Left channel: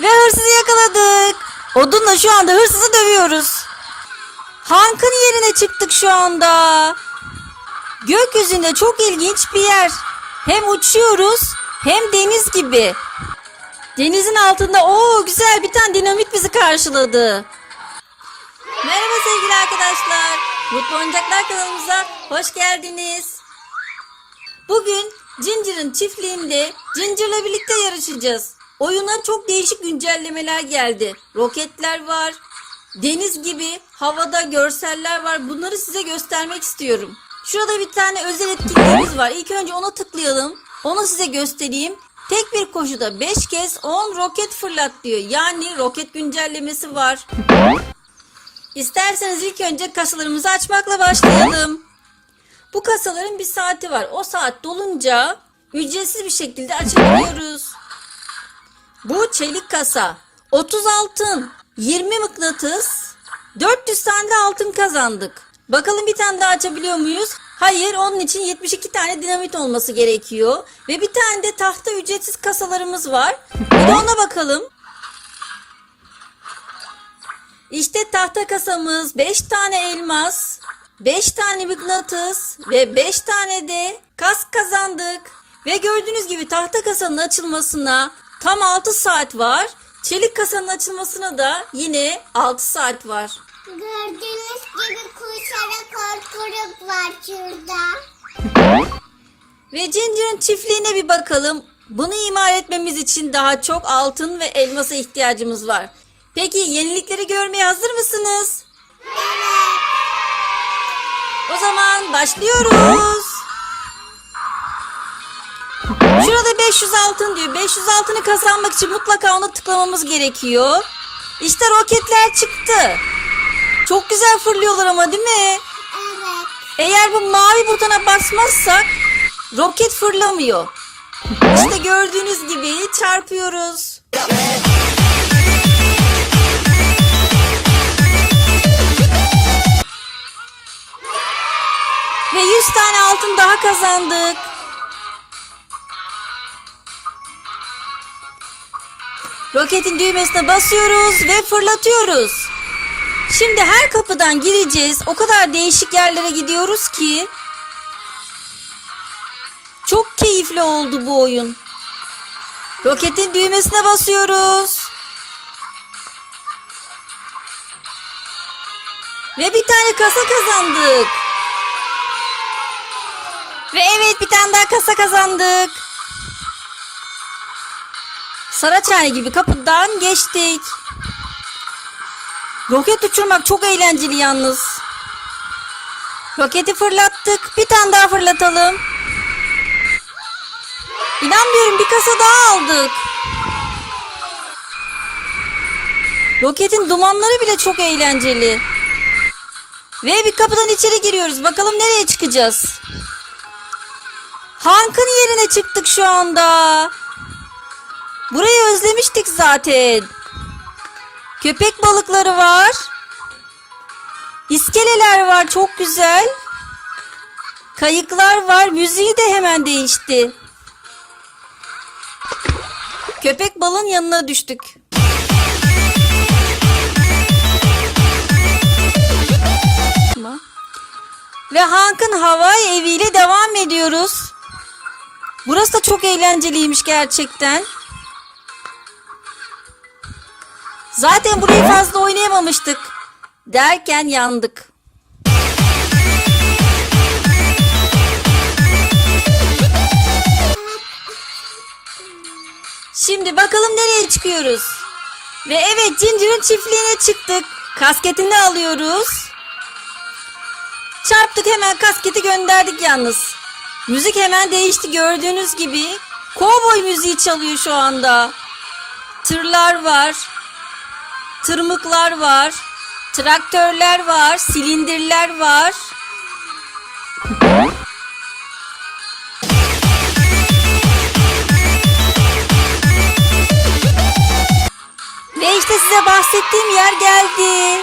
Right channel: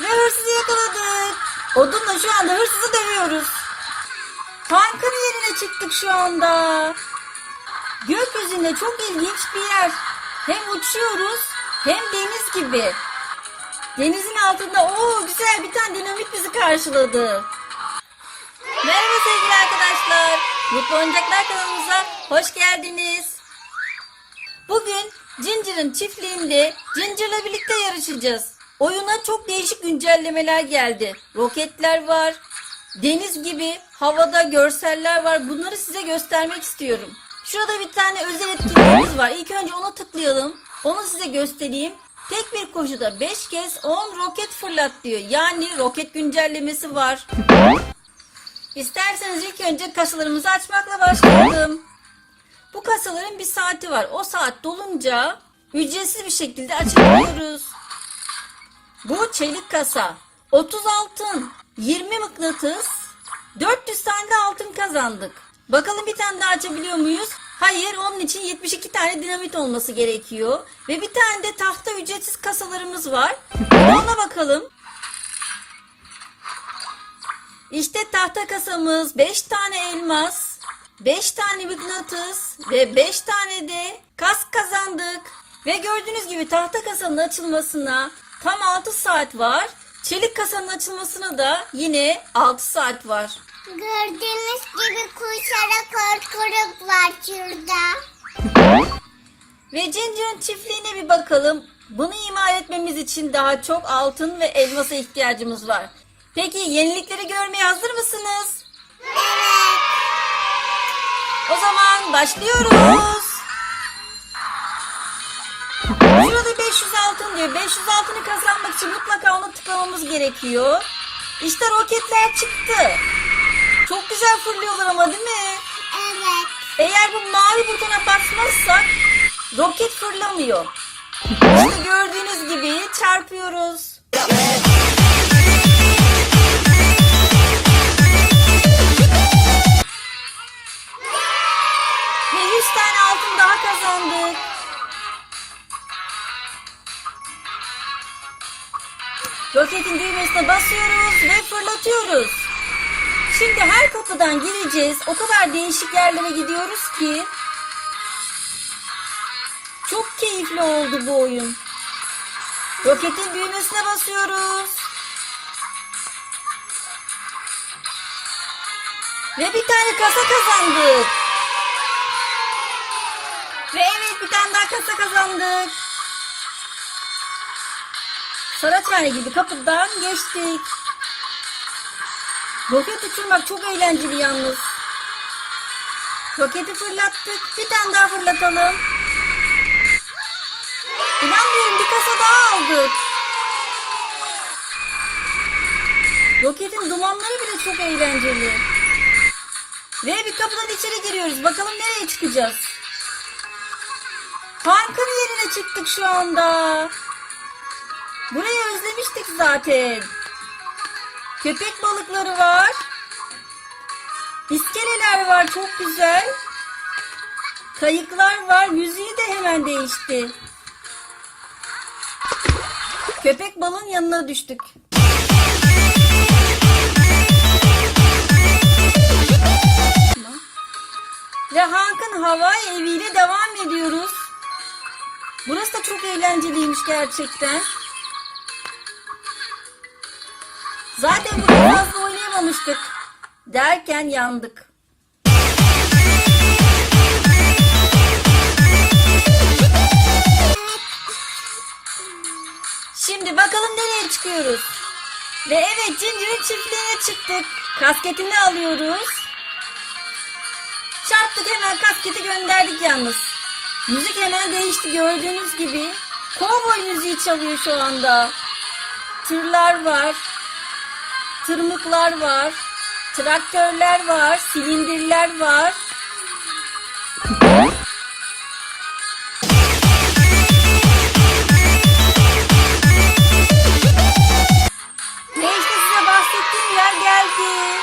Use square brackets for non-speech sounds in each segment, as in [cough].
Ve hırsızı yakaladık. Odunla şu anda hırsızı dövüyoruz. Tankın yerine çıktık şu anda. Gökyüzünde çok ilginç bir yer. Hem uçuyoruz hem deniz gibi. Denizin altında o güzel bir tane dinamit bizi karşıladı. Merhaba sevgili arkadaşlar. Mutlu Oyuncaklar kanalımıza hoş geldiniz. Bugün Ginger çiftliğinde Ginger'la birlikte yarışacağız. Oyuna çok değişik güncellemeler geldi. Roketler var, deniz gibi havada görseller var. Bunları size göstermek istiyorum. Şurada bir tane özel etkinliğimiz var. İlk önce ona tıklayalım. Onu size göstereyim. Tek bir koşuda 5 kez 10 roket fırlat diyor. Yani roket güncellemesi var. İsterseniz ilk önce kasalarımızı açmakla başlayalım. Bu kasaların bir saati var. O saat dolunca ücretsiz bir şekilde açabiliyoruz. Bu çelik kasa. 30 altın, 20 mıknatıs, 400 tane de altın kazandık. Bakalım bir tane daha açabiliyor muyuz? Hayır, onun için 72 tane dinamit olması gerekiyor. Ve bir tane de tahta ücretsiz kasalarımız var. De [laughs] ona bakalım. İşte tahta kasamız 5 tane elmas, 5 tane mıknatıs ve 5 tane de kask kazandık. Ve gördüğünüz gibi tahta kasanın açılmasına tam 6 saat var. Çelik kasanın açılmasına da yine 6 saat var. Gördüğünüz gibi kuşlara korkuluk var şurada. Ve Ginger'ın çiftliğine bir bakalım. Bunu imar etmemiz için daha çok altın ve elmasa ihtiyacımız var. Peki yenilikleri görmeye hazır mısınız? Evet. O zaman başlıyoruz. Şurada 500 altın diyor. 500 altını kazanmak için mutlaka ona tıklamamız gerekiyor. İşte roketler çıktı. Çok güzel fırlıyorlar ama değil mi? Evet. Eğer bu mavi butona basmazsak roket fırlamıyor. İşte gördüğünüz gibi çarpıyoruz. Ve 100 tane altın daha kazandık. Roketin düğmesine basıyoruz ve fırlatıyoruz. Şimdi her kapıdan gireceğiz. O kadar değişik yerlere gidiyoruz ki. Çok keyifli oldu bu oyun. Roketin düğmesine basıyoruz. Ve bir tane kasa kazandık. Ve evet bir tane daha kasa kazandık. Saraçhane gibi kapıdan geçtik. Roket uçurmak çok eğlenceli yalnız. Roketi fırlattık. Bir tane daha fırlatalım. İnanmıyorum bir kasa daha aldık. Roketin dumanları bile çok eğlenceli. Ve bir kapıdan içeri giriyoruz. Bakalım nereye çıkacağız. Hank'ın yerine çıktık şu anda. Burayı özlemiştik zaten. Köpek balıkları var. İskeleler var çok güzel. Kayıklar var. Müziği de hemen değişti. Köpek balığın yanına düştük. Ve Hank'ın havai eviyle devam ediyoruz. Burası da çok eğlenceliymiş gerçekten. Zaten burayı fazla oynayamamıştık. Derken yandık. Şimdi bakalım nereye çıkıyoruz. Ve evet Ginger'ın çiftliğine çıktık. Kasketini alıyoruz. Çarptık hemen kasketi gönderdik yalnız. Müzik hemen değişti gördüğünüz gibi. Kovboy müziği çalıyor şu anda. Tırlar var. Tırmıklar var. Traktörler var. Silindirler var. Ve işte size bahsettiğim yer geldi.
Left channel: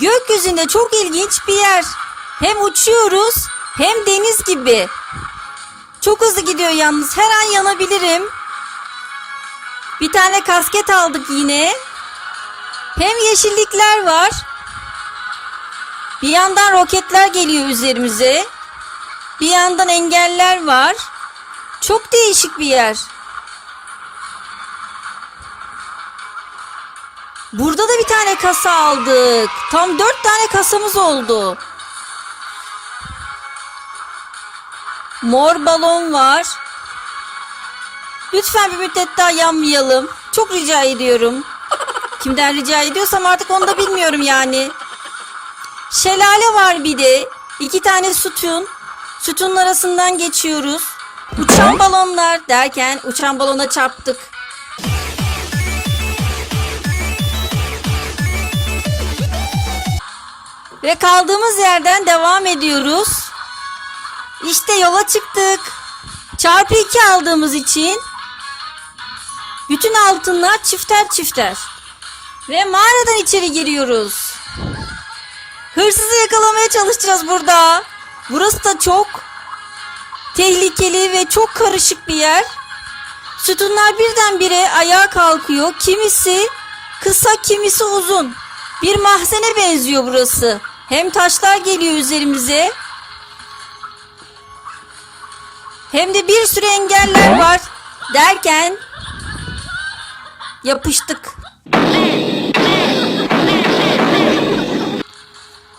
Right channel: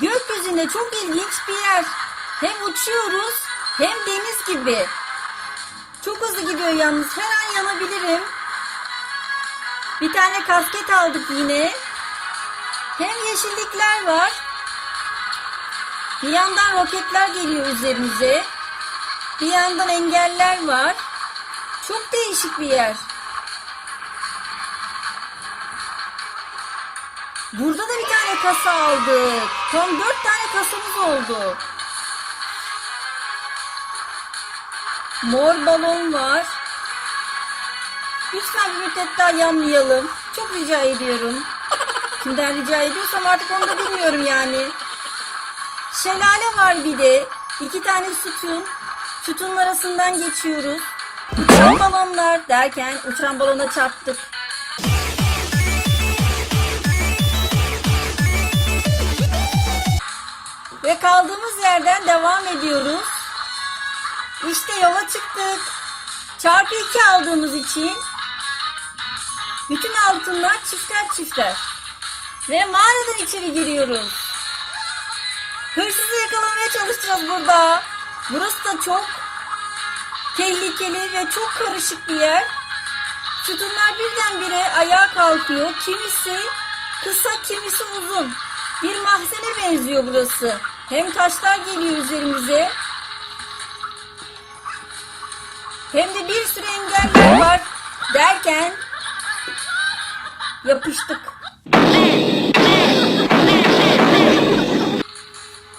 Gökyüzünde çok ilginç bir yer. Hem uçuyoruz hem deniz gibi. Çok hızlı gidiyor yalnız. Her an yanabilirim. Bir tane kasket aldık yine. Hem yeşillikler var. Bir yandan roketler geliyor üzerimize. Bir yandan engeller var. Çok değişik bir yer. Burada da bir tane kasa aldık. Tam dört tane kasamız oldu. Mor balon var. Lütfen bir müddet daha yanmayalım. Çok rica ediyorum. Kimden rica ediyorsam artık onu da bilmiyorum yani. Şelale var bir de. İki tane sütun. Sütunun arasından geçiyoruz. Uçan balonlar derken uçan balona çarptık. Ve kaldığımız yerden devam ediyoruz. İşte yola çıktık. Çarpı 2 aldığımız için bütün altınlar çifter çifter. Ve mağaradan içeri giriyoruz. Hırsızı yakalamaya çalışacağız burada. Burası da çok tehlikeli ve çok karışık bir yer. Sütunlar birdenbire ayağa kalkıyor. Kimisi kısa, kimisi uzun. Bir mahzene benziyor burası. Hem taşlar geliyor üzerimize. Hem de bir sürü engeller var. Derken yapıştık.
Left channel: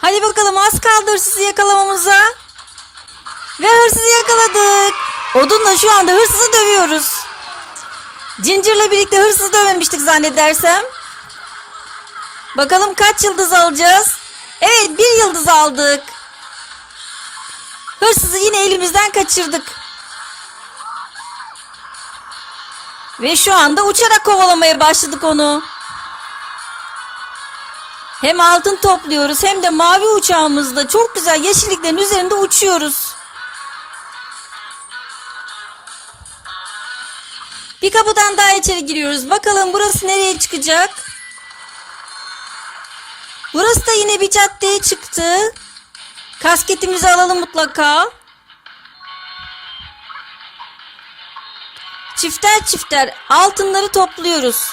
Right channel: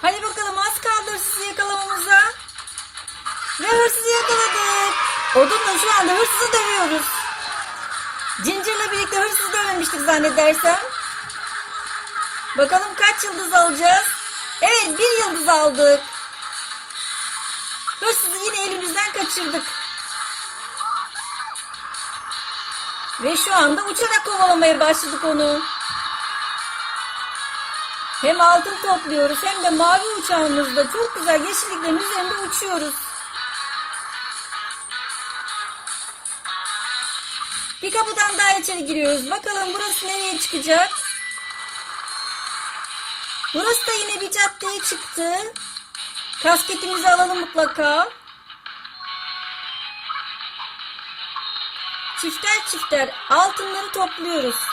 Hadi bakalım az kaldı hırsızı yakalamamıza. Ve hırsızı yakaladık. Odunla şu anda hırsızı dövüyoruz. Ginger'la birlikte hırsızı dövmemiştik zannedersem. Bakalım kaç yıldız alacağız? Evet bir yıldız aldık. Hırsızı yine elimizden kaçırdık. Ve şu anda uçarak kovalamaya başladık onu. Hem altın topluyoruz hem de mavi uçağımızda çok güzel yeşilliklerin üzerinde uçuyoruz. Bir kapıdan daha içeri giriyoruz. Bakalım burası nereye çıkacak? Burası da yine bir caddeye çıktı. Kasketimizi alalım mutlaka. Çifter çifter altınları topluyoruz.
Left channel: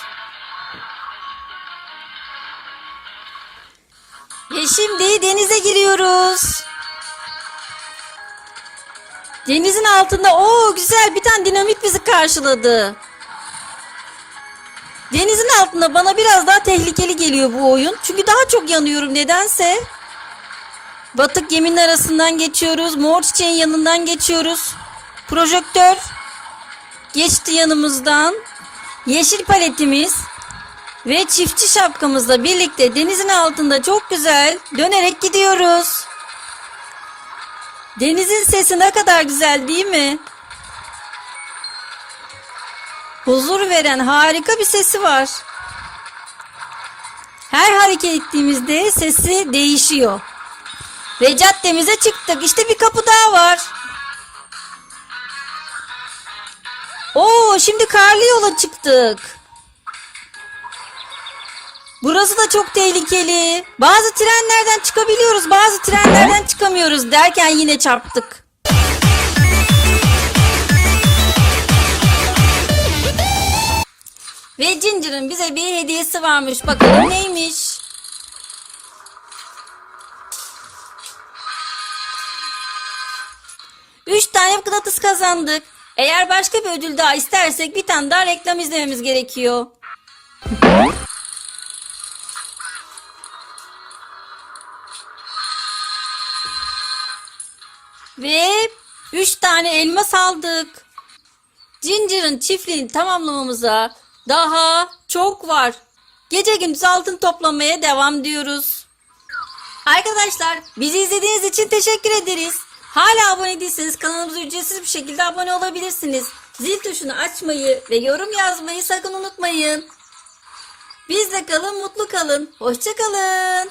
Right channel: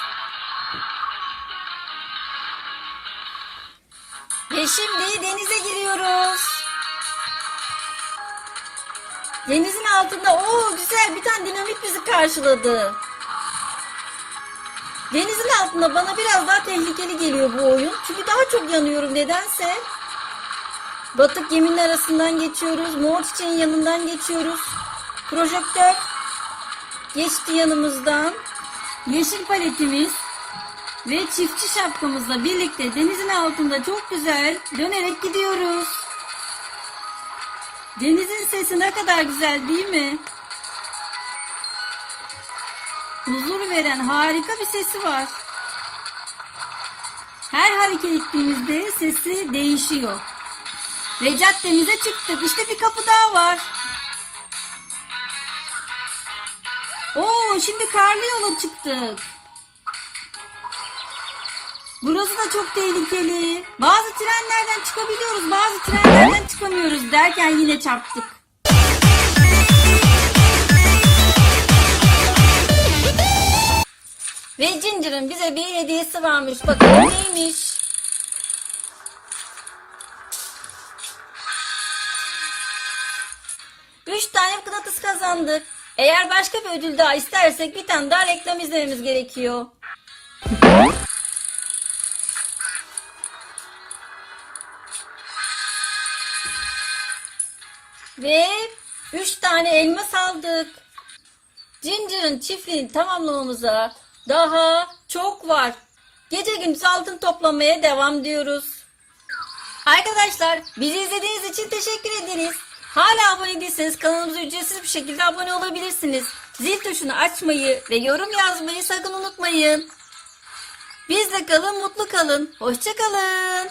Ve şimdi denize giriyoruz. Denizin altında o güzel bir tane dinamit bizi karşıladı. Denizin altında bana biraz daha tehlikeli geliyor bu oyun. Çünkü daha çok yanıyorum nedense. Batık geminin arasından geçiyoruz. Mor çiçeğin yanından geçiyoruz. Projektör geçti yanımızdan. Yeşil paletimiz ve çiftçi şapkamızla birlikte denizin altında çok güzel dönerek gidiyoruz. Denizin sesi ne kadar güzel değil mi? Huzur veren harika bir sesi var. Her hareket ettiğimizde sesi değişiyor. Ve caddemize çıktık. İşte bir kapı daha var. Oo, şimdi karlı yola çıktık. Burası da çok tehlikeli. Bazı trenlerden çıkabiliyoruz, bazı trenlerden çıkamıyoruz derken yine çarptık. Ve Ginger'ın bize bir hediyesi varmış. Bakalım neymiş? Üç tane mıknatıs kazandık. Eğer başka bir ödül daha istersek bir tane daha reklam izlememiz gerekiyor. Ve üç tane elmas aldık. Ginger'ın çiftliğini tamamlamamıza daha çok var. Gece gündüz altın toplamaya devam diyoruz. Arkadaşlar bizi izlediğiniz için teşekkür ederiz. Hala abone değilseniz kanalımıza ücretsiz bir şekilde abone olabilirsiniz. Zil tuşunu açmayı ve yorum yazmayı sakın unutmayın. Bizle kalın, mutlu kalın. Hoşça kalın.